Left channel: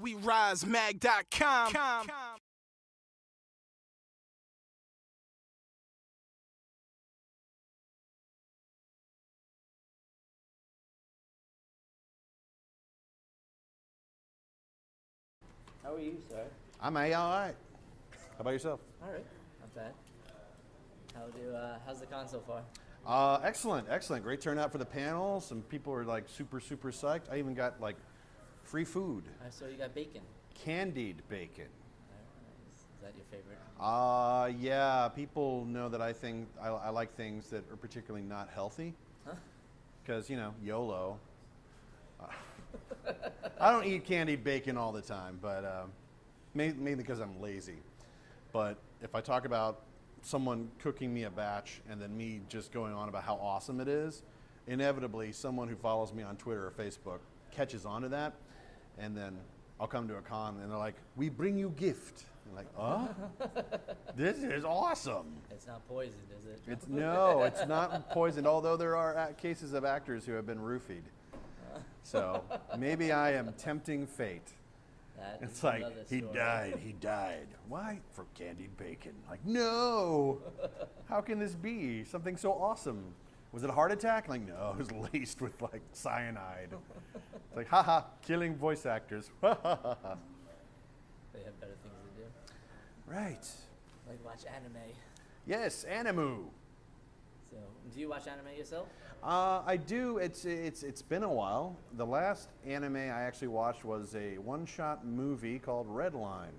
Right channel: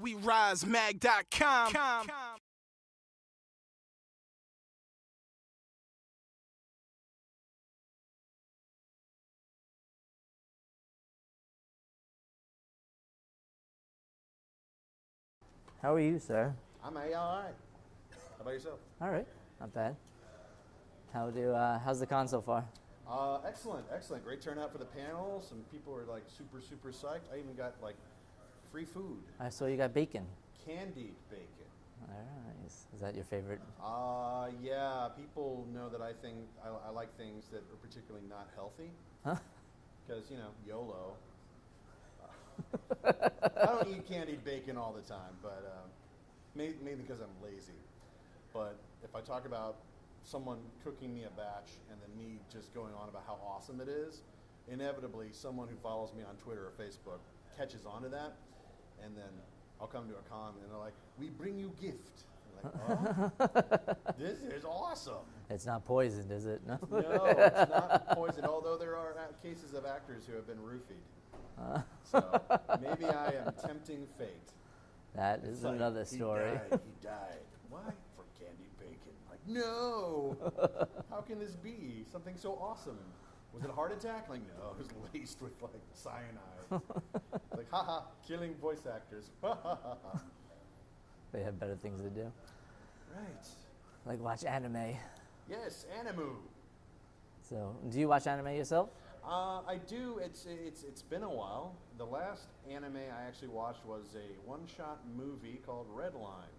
WeRiseMag.com. How are you, sir? I'm all right. How about yourself? All right, not bad. How's the con so far? Excellent. Great turnout for the panel. Some people are like super psyched. I even got like free food. I saw you got bacon. Candied bacon. Is that your favorite? Yeah. People know that I like things that are particularly not healthy. Huh? Because, YOLO. I don't eat candied bacon all the time, but mainly because I'm lazy. But if I talk about someone cooking me a batch and then me just going on about how awesome it is, inevitably someone who follows me on Twitter or Facebook catches on to that, and then I'll come to a con and they're like, "We bring you gift." I'm like, "Oh, this is awesome." It's not poisoned, is it? No, it's not poisoned, although there are cases of actors who have been roofied. So maybe I am tempting fate. That It's is like, another story. He died. Why? For candied bacon. Like, no! How can this be? Something so awesome. Was it a heart attack? Like, no, it was laced with, like, cyanide. It's like, haha, killing voice actors. They have better things to do. Right. Like watch anime. Yes, animu. So, do you watch anime yourself? I do. It's been a while. The last anime I actually watched was a one-shot movie called Redline.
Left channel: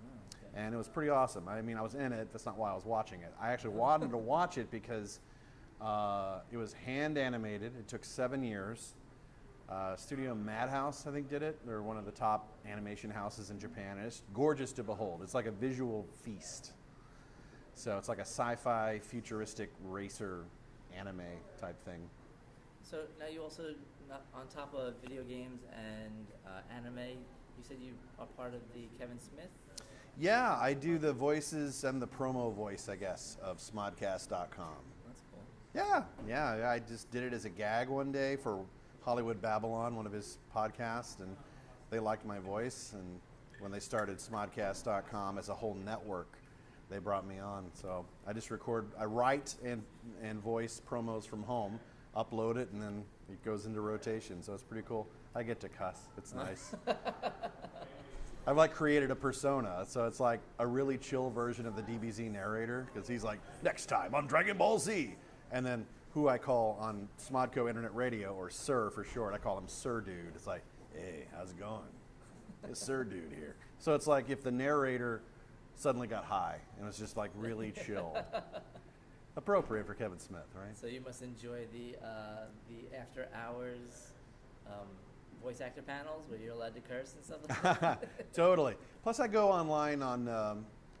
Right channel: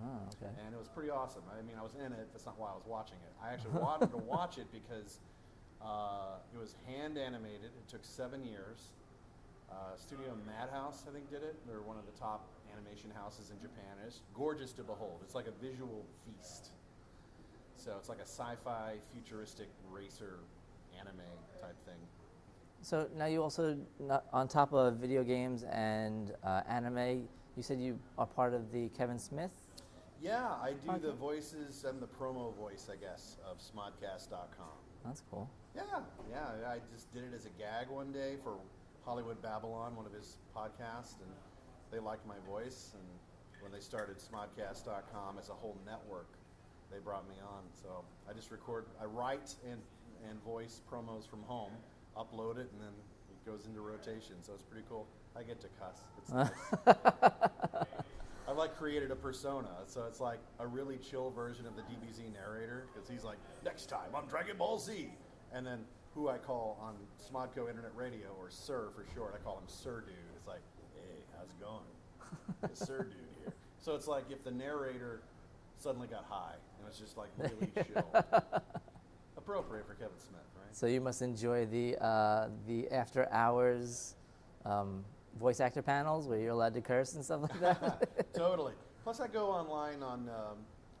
Oh, okay. And it was pretty awesome. I mean, I was in it. That's not why I was watching it. I actually wanted to watch it because it was hand animated. It took 7 years. Studio Madhouse, I think, did it. They're one of the top animation houses in Japan. It's gorgeous to behold. It's like a visual feast. So it's like a sci-fi, futuristic racer anime type thing. So now you also, on top of video games and anime, you said you are part of the Kevin Smith? Yeah, I do the voices and the promo voice, I guess, of smodcast.com. That's cool. Yeah, I just did it as a gag one day for Hollywood Babylon, one of his podcasts, and they liked my voice, and when they started smodcast.com as a whole network, they brought me on. So I just I write and voice promos from home, upload it, and then it goes into rotation. So it's pretty cool. I get to cuss. It's nice. I've like created a persona. So it's like a really chill version of the DBZ narrator, because he's like, next time on Dragon Ball Z. And then who I call on Smodco Internet Radio, or Sir for short, I call him Sir Dude. It's like, hey, how's it going? It's Sir Dude here. So it's like if the narrator suddenly got high and was just like really chill. Appropriate for Kevin Smith, right? So you must enjoy the after hours voice actor panels where you're allowed to curse and stuff like that. Totally. Plus I go online on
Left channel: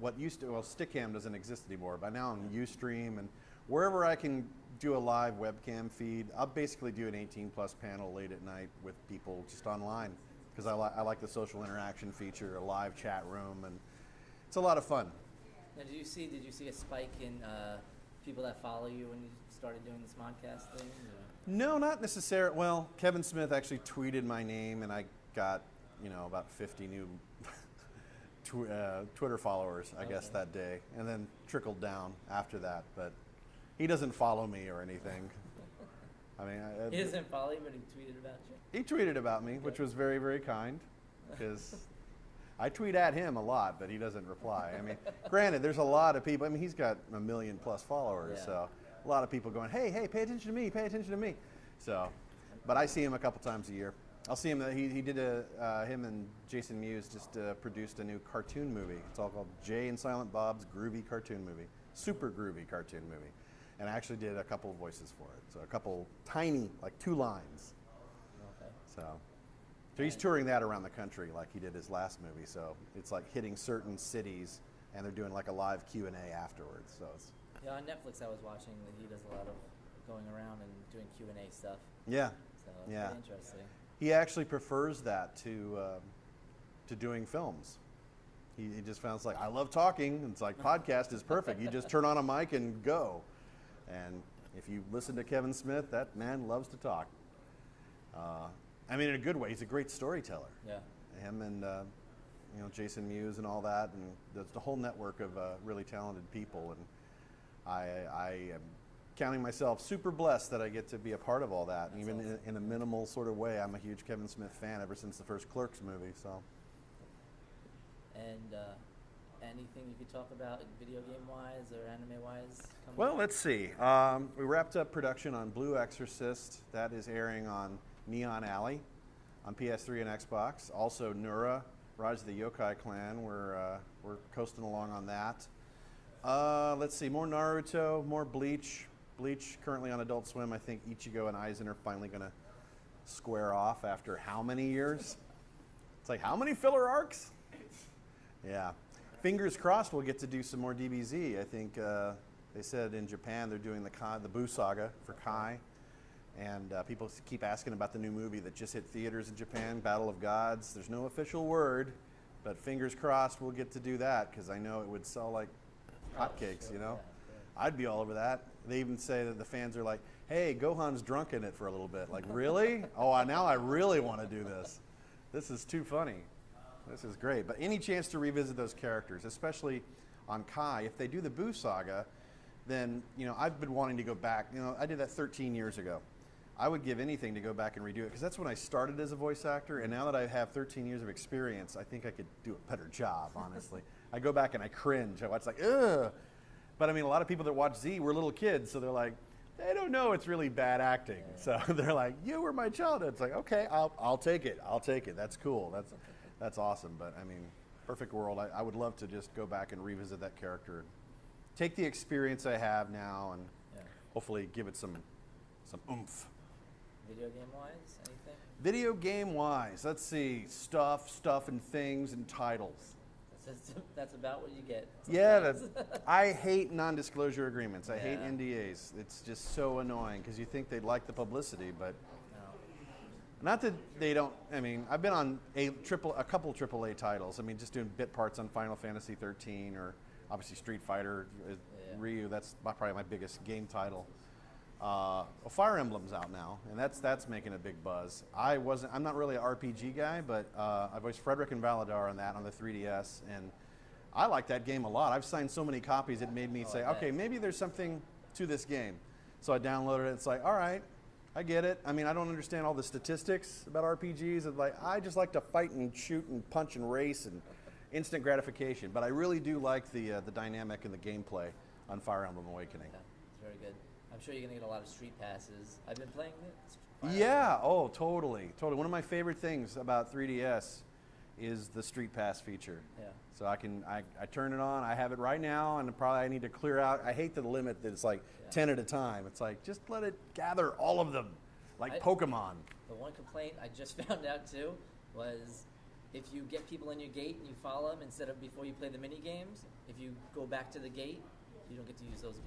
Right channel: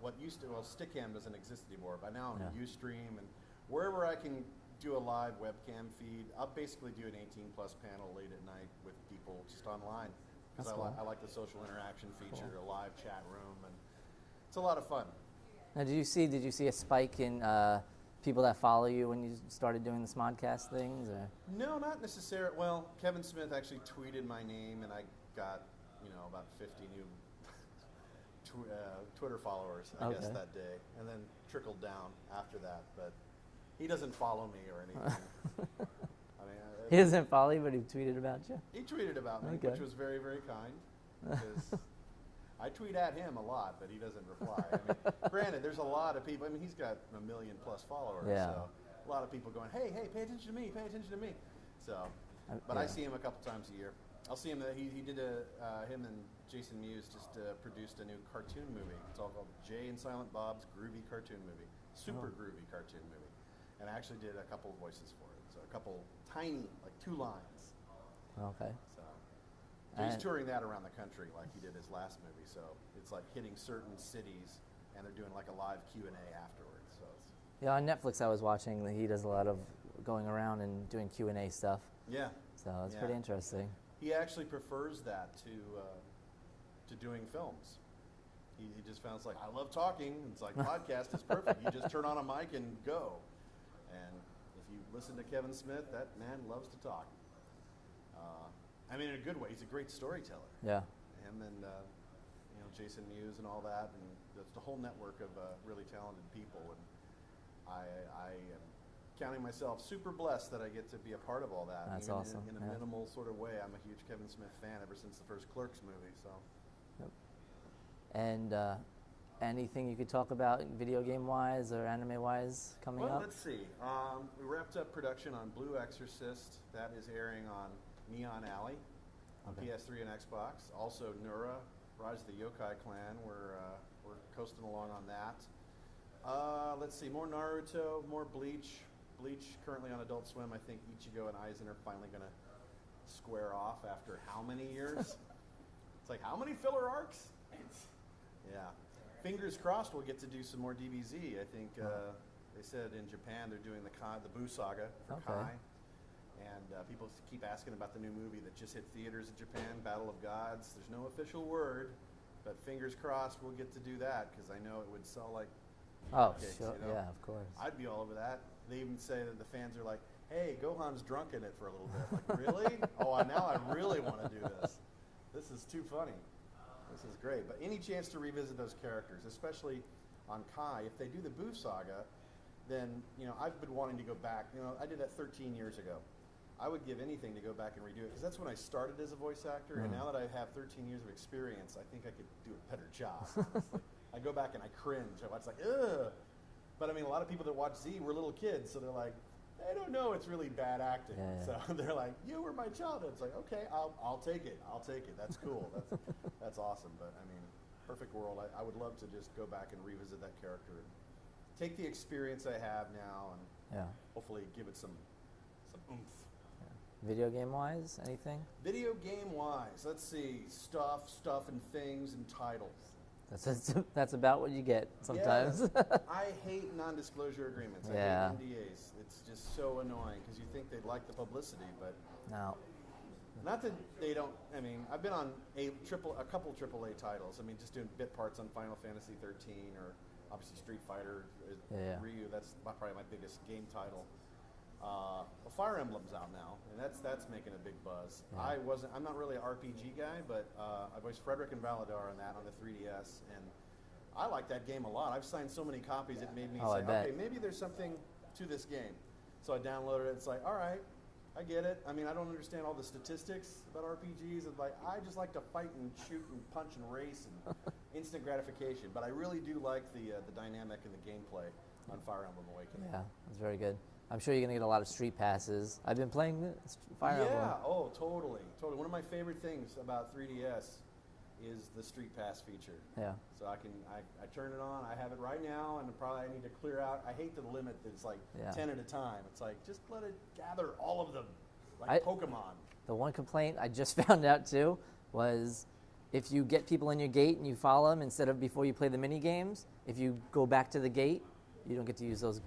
what used to, Stickam doesn't exist anymore, but now I'm Ustream, and wherever I can do a live webcam feed, I'll basically do an 18 plus panel late at night with people just online, because I like the social interaction feature, a live chat room, and it's a lot of fun. Now, did you see a spike in people that follow you when you started doing the Smodcast things? Or? No, not necessarily. Well, Kevin Smith actually tweeted my name, and I got, about 50 new Twitter followers, I guess, that day, and then trickled down after that. But he doesn't follow me or anything. I mean, he doesn't follow you, but he tweeted about you? He tweeted about me, which was very, very kind, because I tweet at him a lot, but he doesn't reply. I mean, granted, there's a lot of people. I mean, he's got 1 million plus followers, so a lot of people going, hey, pay attention to me, pay attention to me. So, but I see him a couple times a year. I'll see him. He did him and Jason Mewes just produced a new cartoon movie. It's all called Jay and Silent Bob's Groovy Cartoon Movie. Super groovy cartoon movie. And I actually did a couple of voices for it. So a couple tiny, like 2 lines. Okay. So he's touring that around the country like he did his last movie. So it's like hitting certain cities, and they're doing like a live Q&A afterwards. So it's on Netflix I was watching that he does a lot of going around and doing Q&A stuff. Yeah. So it's pretty interesting. He actually prefers that to doing films. He just found it's like, I love talking. It's like podcast is perfect. You just turn on a mic and go. And if you listen to Kevin Smith, that man loves to talk. I mean, in a good way. He's a great storyteller. Yeah. Him and Jason Mewes and all that, and there's the whole network of really talented people. And I am counting myself super blessed that I get to be a part of all that. That's even awesome. in a minimal sort of way. I'm a huge Kevin Smith fan ever since the first Clerks movie. So. And anything you could talk about video game wise or anime wise coming up? Well, let's see. We wrapped up production on Blue Exorcist. That is airing on Neon Alley on PS3 and Xbox. Also, Nura, Rise of the Yokai Clan. We're coasting along on that. Let's see. More Naruto, more Bleach. Bleach currently on Adult Swim. I think Ichigo and Aizen are finally going to square off after how many years? It's like, how many filler arcs? Yeah. Fingers crossed we'll get to do some more DBZ. I think they said in Japan they're doing the Buu saga for Kai. And people keep asking about the new movie that just hit theaters in Japan, Battle of Gods. There's no official word, but fingers crossed we'll get to do that because I know it would sell like hotcakes, sure. you know? Yeah, of course. I'd be all over that. They even say that the fans are like, hey, Gohan's drunk in it for a little bit. Like, really? Now I really want to do this. This is too funny. This is great. But any chance to revisit those characters, especially on Kai, if they do the Buu saga, then, I've been wanting to go back. I did that 13 years ago. I would give anything to go back and redo it because that's when I started as a voice actor. And now that I have 13 years of experience, I think I could do a better job, honestly. I go back and I cringe. I watch like, ugh. But I mean, a lot of people that watch Z were little kids, so they're like, they don't know it's really bad acting. Yeah. So they're like, you were my childhood. It's like, okay, I'll take it. I'll take it. That's cool. That's awesome. But I mean, perfect world. I would love to just go back and revisit that character and take the experience I have now and hopefully give it some oomph. Video game wise, anything? Video game wise, let's see, stuff and things and titles. That's about what you get sometimes. Yeah, I hate non-disclosure agreements. I Yeah. hate NDAs. It's just so annoying because you think they'd like the publicity, but No. not that they don't. I mean, I've been on a couple AAA titles. I mean, just doing bit parts on Final Fantasy 13 or obviously Street Fighter, Ryu. That's probably my biggest game title. Fire Emblem's out now, and that's making a big buzz. Yeah. I'm not really an RPG guy, but I voiced Frederick and Valadar on that on the 3DS, and I like that game a lot. I've signed so many copies, it made me say, okay, maybe there's something to this game. So I downloaded it. It's like, all right, I get it. I mean, I don't understand all the statistics about RPGs. It's like, I just like to fight and shoot and punch and race and instant gratification. But I really do like the dynamic and the gameplay on Fire Emblem Awakening. Yeah, it's very good. I'm sure you're going to get a lot of street passes. I've been playing Fire Yeah, Emblem. Totally. One of my favorite things about 3DS is the Street Pass feature. Yeah. So I turn it on, I have it right now, and probably I need to clear out. I hate the limit that it's like 10 at a time. It's like, just let it gather all of them, like Pokemon. The one complaint I just found out too was if you get people in your gate and you follow them instead of before you play the mini games, if you go back to the gate, you don't get to use those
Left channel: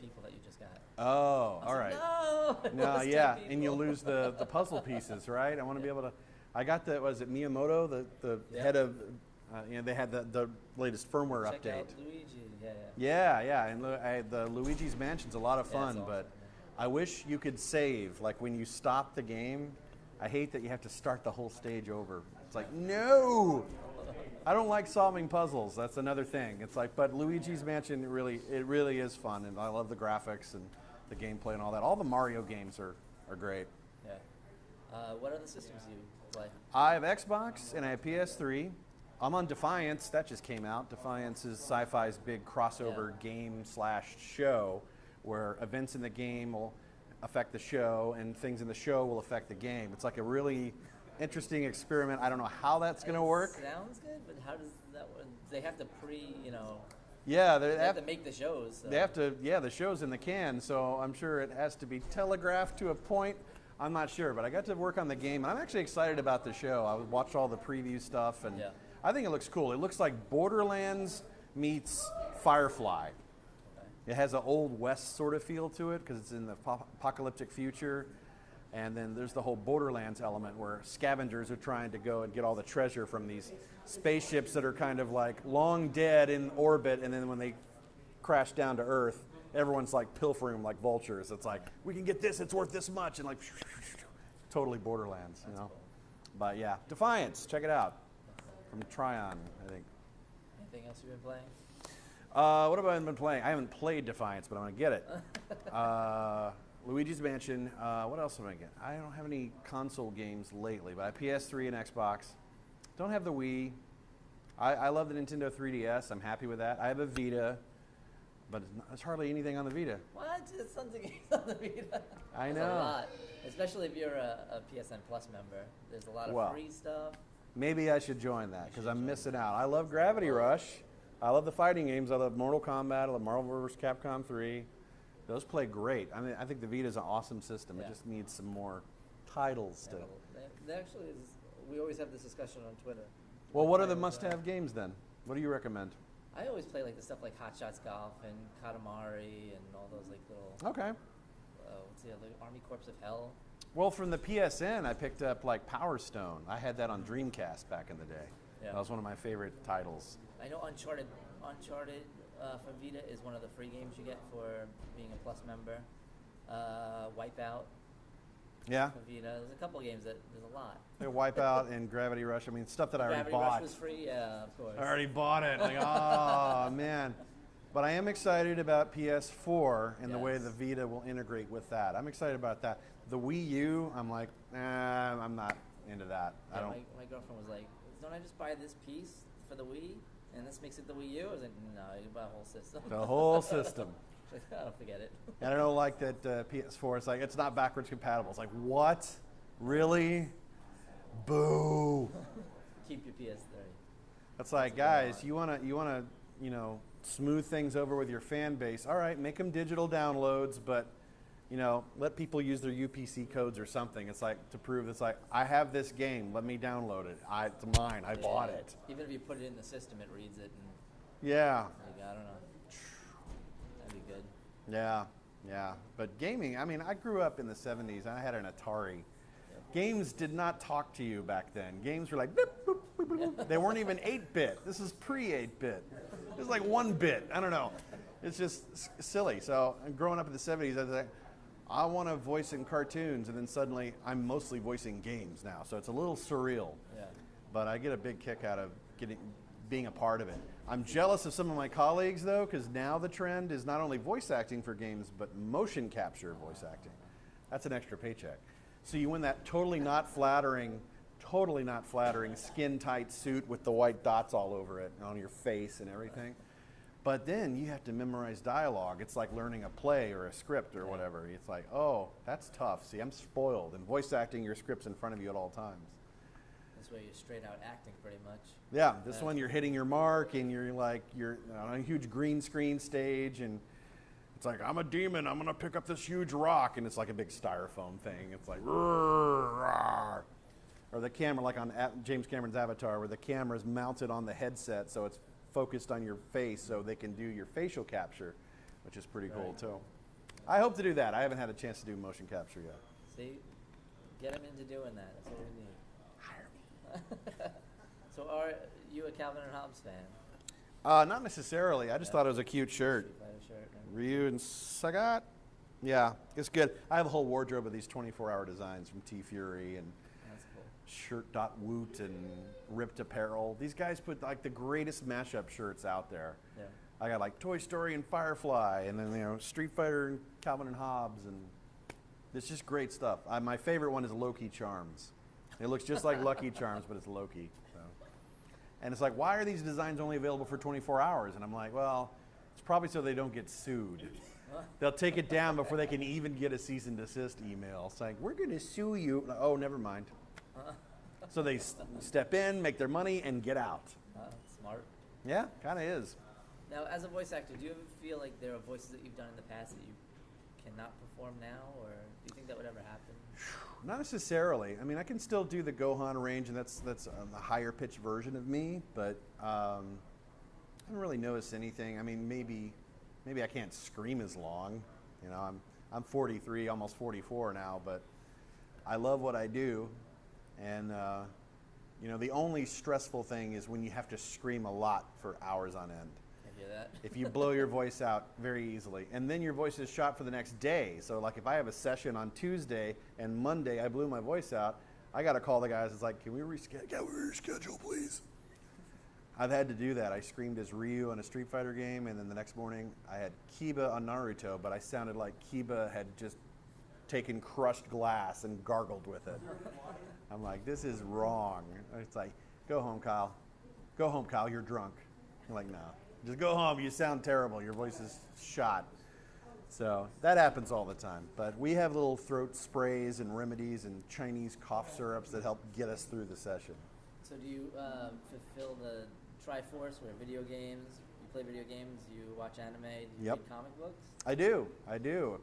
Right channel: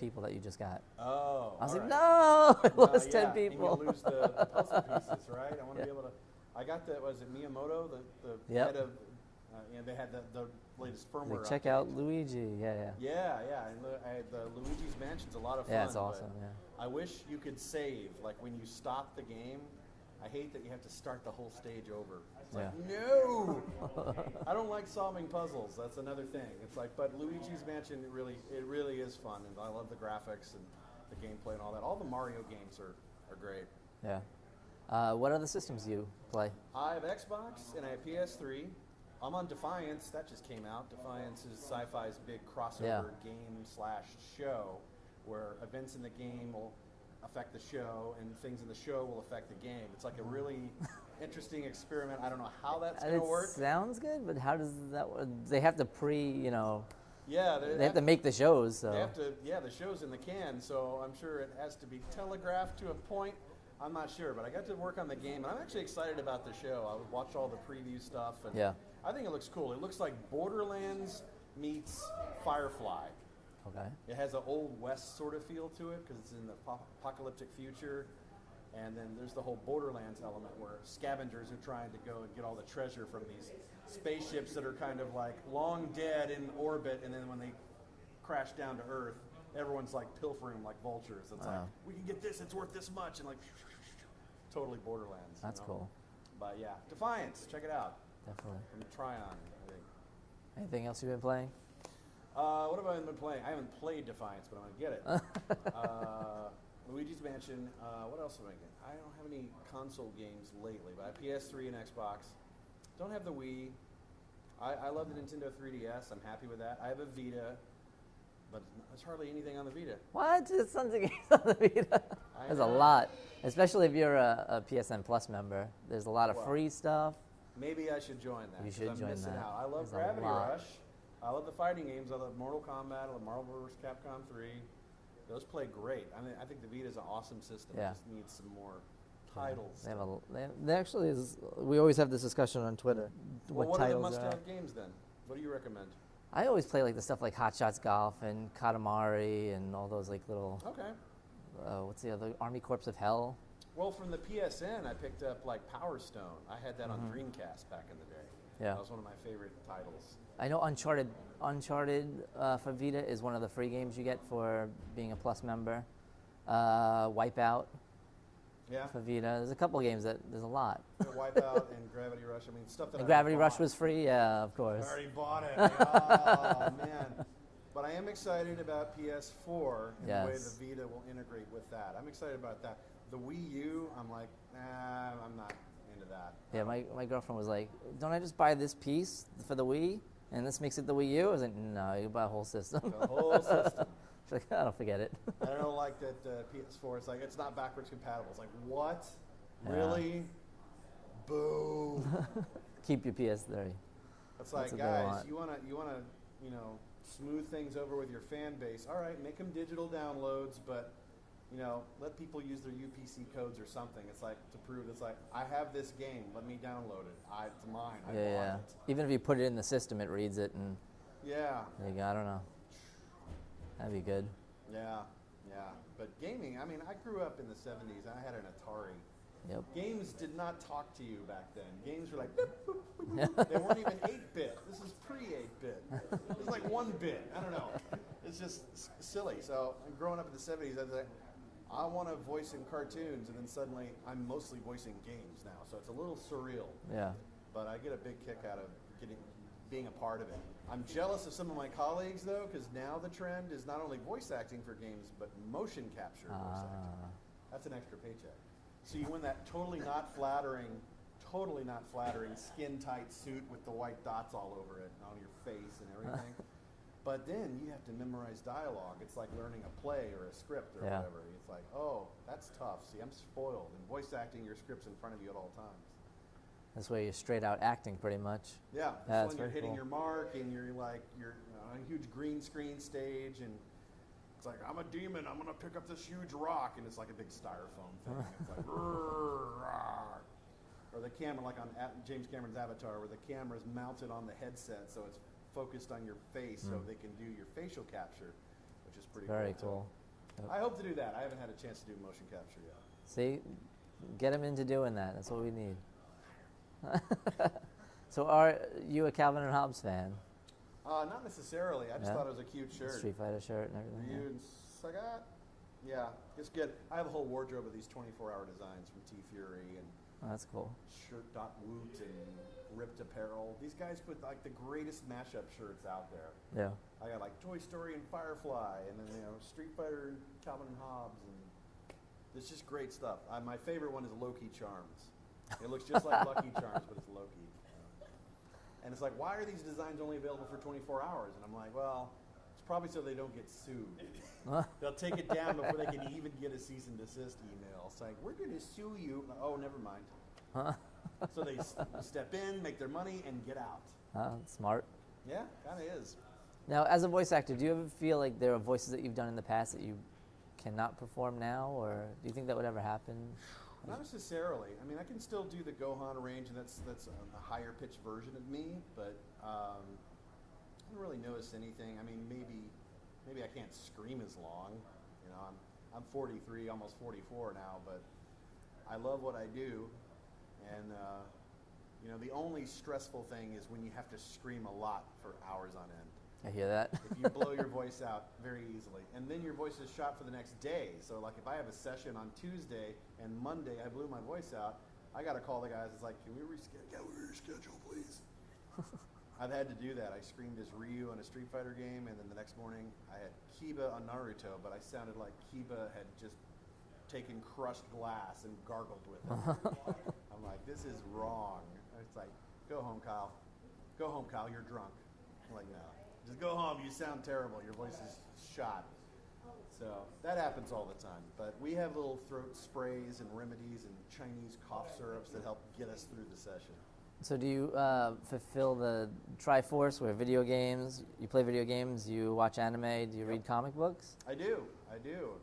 people that you just got. Oh, I was all like, right. no, I lost 10 people. And you'll lose the puzzle pieces, right? I want to be able to. I got was it Miyamoto, the head of, they had the latest firmware update. Check out Luigi, Yeah, and the Luigi's Mansion's a lot of fun, it's awesome, but I wish you could save, like when you stop the game. I hate that you have to start the whole stage over. It's like, no! I don't like solving puzzles. That's another thing. It's like, but Luigi's Mansion, it really is fun, and I love the graphics and the gameplay and all that. All the Mario games are great. Yeah. What other systems do you play? I have Xbox and I have PS3. I'm on Defiance. That just came out. Defiance is Sci-Fi's big crossover game/show where events in the game will affect the show and things in the show will affect the game. It's like a really interesting experiment. I don't know how that's going to work. Sounds good, but how does that work? They have to Yeah, they have to make the shows. So. They have to, the show's in the can, so I'm sure it has to be telegraphed to a point. I'm not sure, but I got to work on the game, and I'm actually excited about the show. I watched all the preview stuff, and I think it looks cool. It looks like Borderlands meets Firefly. Okay. It has an Old West sort of feel to it because it's in the apocalyptic future. And then there's the whole Borderlands element where scavengers are trying to go and get all the treasure from these spaceships that are kind of like long dead in orbit, and then when they crash down to Earth, everyone's like pilfering them like vultures. It's like, we can get this, it's worth this much, and like totally Borderlands. That's cool. But yeah, Defiance, check it out. Definitely. From Tryon, I think. Anything else you've been playing? What have I been playing? I haven't played Defiance, but I'm going to get it. Luigi's Mansion. What else have I get? I don't have any console games lately, but I have PS3 and Xbox. Don't have the Wii. I love the Nintendo 3DS. I'm happy with that. I have a Vita, but there's hardly anything on the Vita. What? There's tons of games on the Vita. There's a lot, especially if you're a PSN Plus member. There's a lot of free stuff. Maybe I should join that because I'm missing out. I love There's Gravity Rush. I love the fighting games. I love Mortal Kombat. I love Marvel vs. Capcom 3. Those play great. I mean, I think the Vita is an awesome system. It just needs some more titles. They actually is. We always have this discussion on Twitter. Well, what are the must-have games then? What do you recommend? I always play like the stuff like Hot Shots Golf and Katamari and all those like little. Okay. What's the other? Army Corps of Hell. Well, from the PSN, I picked up like Power Stone. I had that on Dreamcast back in the day. Yeah. That was one of my favorite titles. I know Uncharted for Vita is one of the free games you get for being a Plus member. Wipeout. Yeah. For Vita. There's a couple games there's a lot. Yeah, Wipeout and Gravity Rush. I mean, stuff that I already Gravity bought. Rush was free? Yeah, of course. I already bought it. Like, oh, man. But I am excited about PS4 and the way the Vita will integrate with that. I'm excited about that. The Wii U, I'm like, I'm not into that. Yeah, my girlfriend was like, don't I just buy this piece for the Wii and this makes it the Wii U? I was like, no, you buy a whole system. The whole system. She's like, I don't forget it. And I don't like that PS4, it's like, it's not backwards compatible. It's like, what? Really? Boo. Keep your PS3. That's like, guys, you wanna, smooth things over with your fan base. All right, make them digital downloads, but let people use their UPC codes or something. It's like to prove it's like, I have this game, let me download it. It's mine, I bought it. Even if you put it in the system, it reads it and yeah. There you go, I don't know. That'd be good. Yeah. But gaming, I mean, I grew up in the 70s. I had an Atari. Yep. Games did not talk to you back then. Games were like, boop, boop, boop, boop, boop. They weren't even 8-bit. This is pre-8-bit. It was like 1-bit. I don't know. It's just silly. So growing up in the 70s, I was like, I want to voice in cartoons, and then suddenly I'm mostly voicing games now. So it's a little surreal. Yeah. But I get a big kick out of being a part of it. I'm jealous of some of my colleagues, though, because now the trend is not only voice acting for games, but motion capture voice acting. That's an extra paycheck. So you win that totally not flattering skin-tight suit with the white dots all over it on your face and everything. But then you have to memorize dialogue. It's like learning a play or a script or whatever. It's like, oh, that's tough. See, I'm spoiled. And voice acting your script's in front of you at all times. This way you're straight out acting pretty much. Yeah, this one you're hitting your mark and you're on a huge green screen stage and it's like, I'm a demon, I'm gonna pick up this huge rock, and it's like a big styrofoam thing. It's like, or the camera, like on James Cameron's Avatar, where the camera's mounted on the headset, so it's focused on your face, so they can do your facial capture, which is pretty cool too. I hope to do that. I haven't had a chance to do motion capture yet. See, get him into doing that. That's what we need. Hire me. So, are you a Calvin and Hobbes fan? Not necessarily. I just thought it was a cute shirt. Street Fighter shirt. And Ryu and Sagat. Yeah, it's good. I have a whole wardrobe of these 24-hour designs from T Fury and that's cool. Shirt.woot and Ripped Apparel. These guys put like the greatest mashup shirts out there. Yeah. I got like Toy Story and Firefly, and then Street Fighter and Calvin and Hobbes, and it's just great stuff. My favorite one is Loki Charms. It looks just like Lucky Charms, but it's Loki. And it's like, why are these designs only available for 24 hours? And I'm like, well, it's probably so they don't get sued. They'll take it down before they can even get a cease and desist email. It's like, we're going to sue you. Like, oh, never mind. So they step in, make their money, and get out. Smart. Yeah, kind of is. Now, as a voice actor, do you ever feel like there are voices that you've done in the past that you cannot perform now? Or do you think that would ever happen? Not necessarily. I mean, I can still do the Gohan range, and that's a higher pitched version of me. But I haven't really noticed anything. I mean, maybe I can't scream as long. I'm 43, almost 44 now, but I love what I do, and You know, the only stressful thing is when you have to scream a lot for hours on end. I hear that. If you blow your voice out very easily. And then your voice is shot for the next day. So like if I have a session on Tuesday and Monday I blew my voice out, I got to call the guys. It's like, can we reschedule, please? I've had to do that. I screamed as Ryu in a Street Fighter game, and then the next morning I had Kiba on Naruto, but I sounded like Kiba had just taken crushed glass and gargled with it. I'm like, this is wrong. It's like, go home, Kyle. Go home, Kyle. You're drunk. I'm like, no. Just go home. You sound terrible. Your voice is shot. So that happens all the time. But we have little throat sprays and remedies and Chinese cough syrups that help get us through the session. So do you fulfill the Triforce where video games, you play video games, you watch anime, do you read comic books? I do.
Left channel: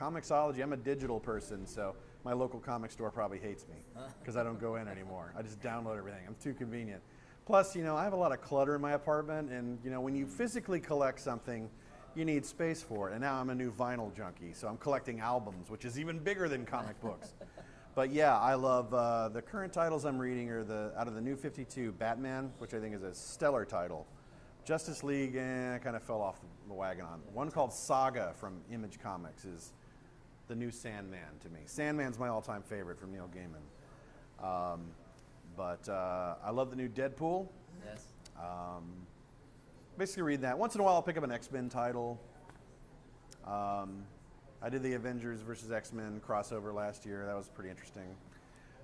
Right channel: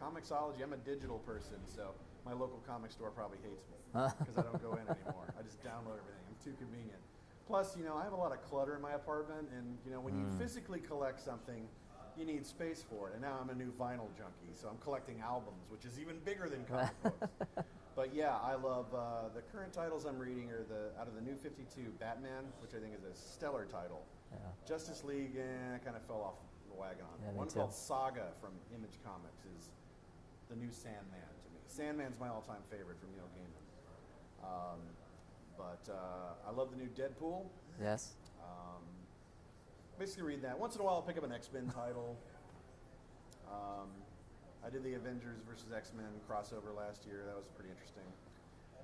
Comixology, I'm a digital person, so my local comic store probably hates me because I don't go in anymore. I just download everything. I'm too convenient. Plus, you know, I have a lot of clutter in my apartment, and, you know, when you physically collect something, you need space for it. And now I'm a new vinyl junkie, so I'm collecting albums, which is even bigger than comic books. But yeah, I love the current titles I'm reading are out of the New 52, Batman, which I think is a stellar title. Yeah. Justice League, I kind of fell off the wagon on. Yeah, one called Saga from Image Comics is the new Sandman to me. Sandman's my all-time favorite from Neil Gaiman. But I love the new Deadpool. Yes. Basically read that. Once in a while I'll pick up an X-Men title. I did the Avengers versus X-Men crossover last year. That was pretty interesting.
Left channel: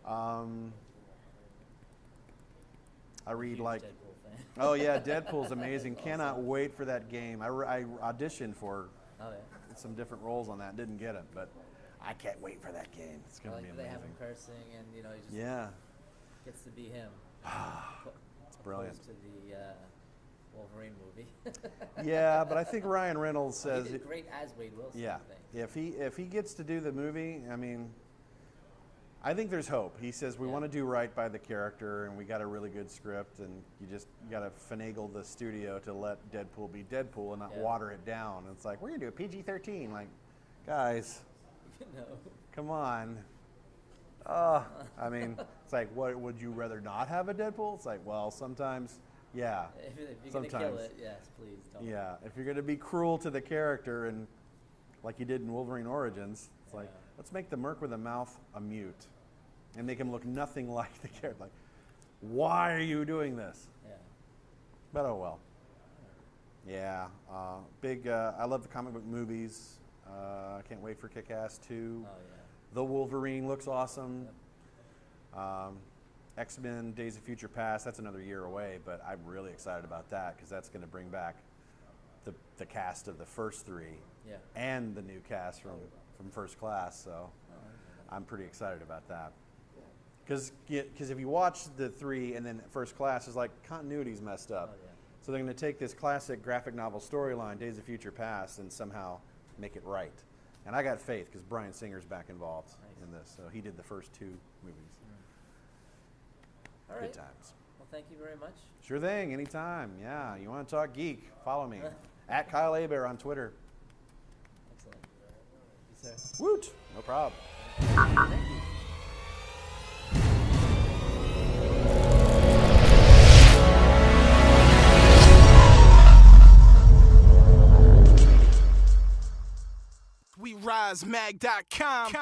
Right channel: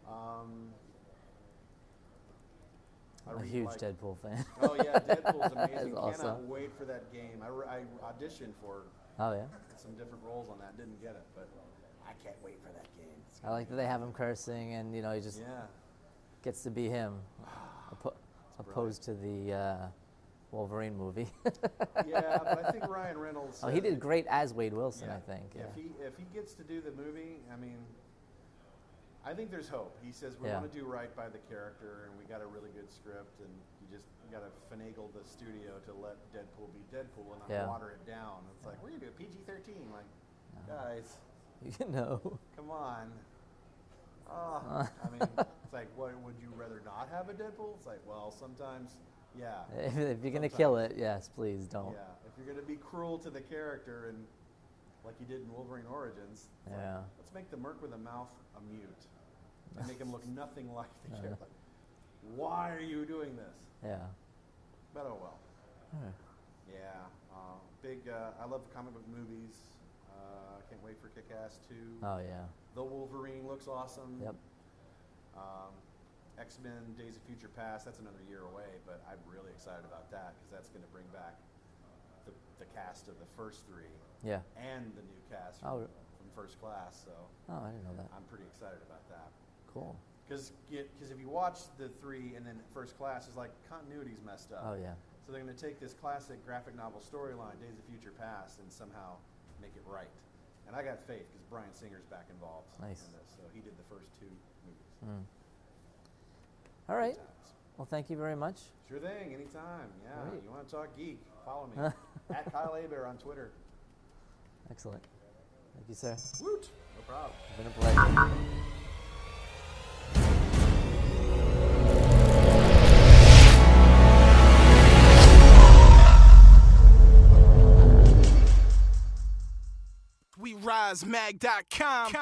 I'm a huge Deadpool fan. Oh yeah, Deadpool's amazing. Awesome. Cannot wait for that game. I auditioned for some different roles on that. Didn't get it, but I can't wait for that game. I like that they have him cursing, and you know he just gets to be him, opposed to the Wolverine movie. Yeah, but I think Ryan Reynolds. He did great as Wade Wilson. Yeah. I think. Yeah. If he gets to do the movie, I mean, I think there's hope. He says we want to do right by the character, and we got a really good script, and you got to finagle the studio to let Deadpool be Deadpool and not water it down. And it's like, we're gonna do a PG-13. Like, guys, come on. I mean, it's like, what would you rather not have a Deadpool? It's like, well, sometimes. Yeah. If you're going to kill it, yes, please don't. Yeah. If you're going to be cruel to the character, and like you did in Wolverine Origins, it's like, let's make the Merc with a mouth a mute and make him look nothing like the character. Like, why are you doing this? Yeah. But oh well. Yeah. I love the comic book movies. I can't wait for Kick-Ass 2. Oh, yeah. The Wolverine looks awesome. Yep. X-Men Days of Future Past, that's another year away, but I'm really excited about that because that's going to bring back the cast of the first three and the new cast from First Class. So I didn't know that. I'm pretty excited about that. Cool. Because if you watch the three and then First Class, it's like continuity's messed up. Oh, yeah. So they're going to take this classic graphic novel storyline, Days of Future Past, and somehow make it right. And I got faith because Bryan Singer's back involved in this. So he did the first two movies. All right. Well, thank you very much. Sure thing. Anytime. Yeah. Right. You want to talk geek? Follow me. At Kyle Abear on Twitter. Excellent. Thank you, sir. Woot. No problem. Been a pleasure. WeRiseMag.com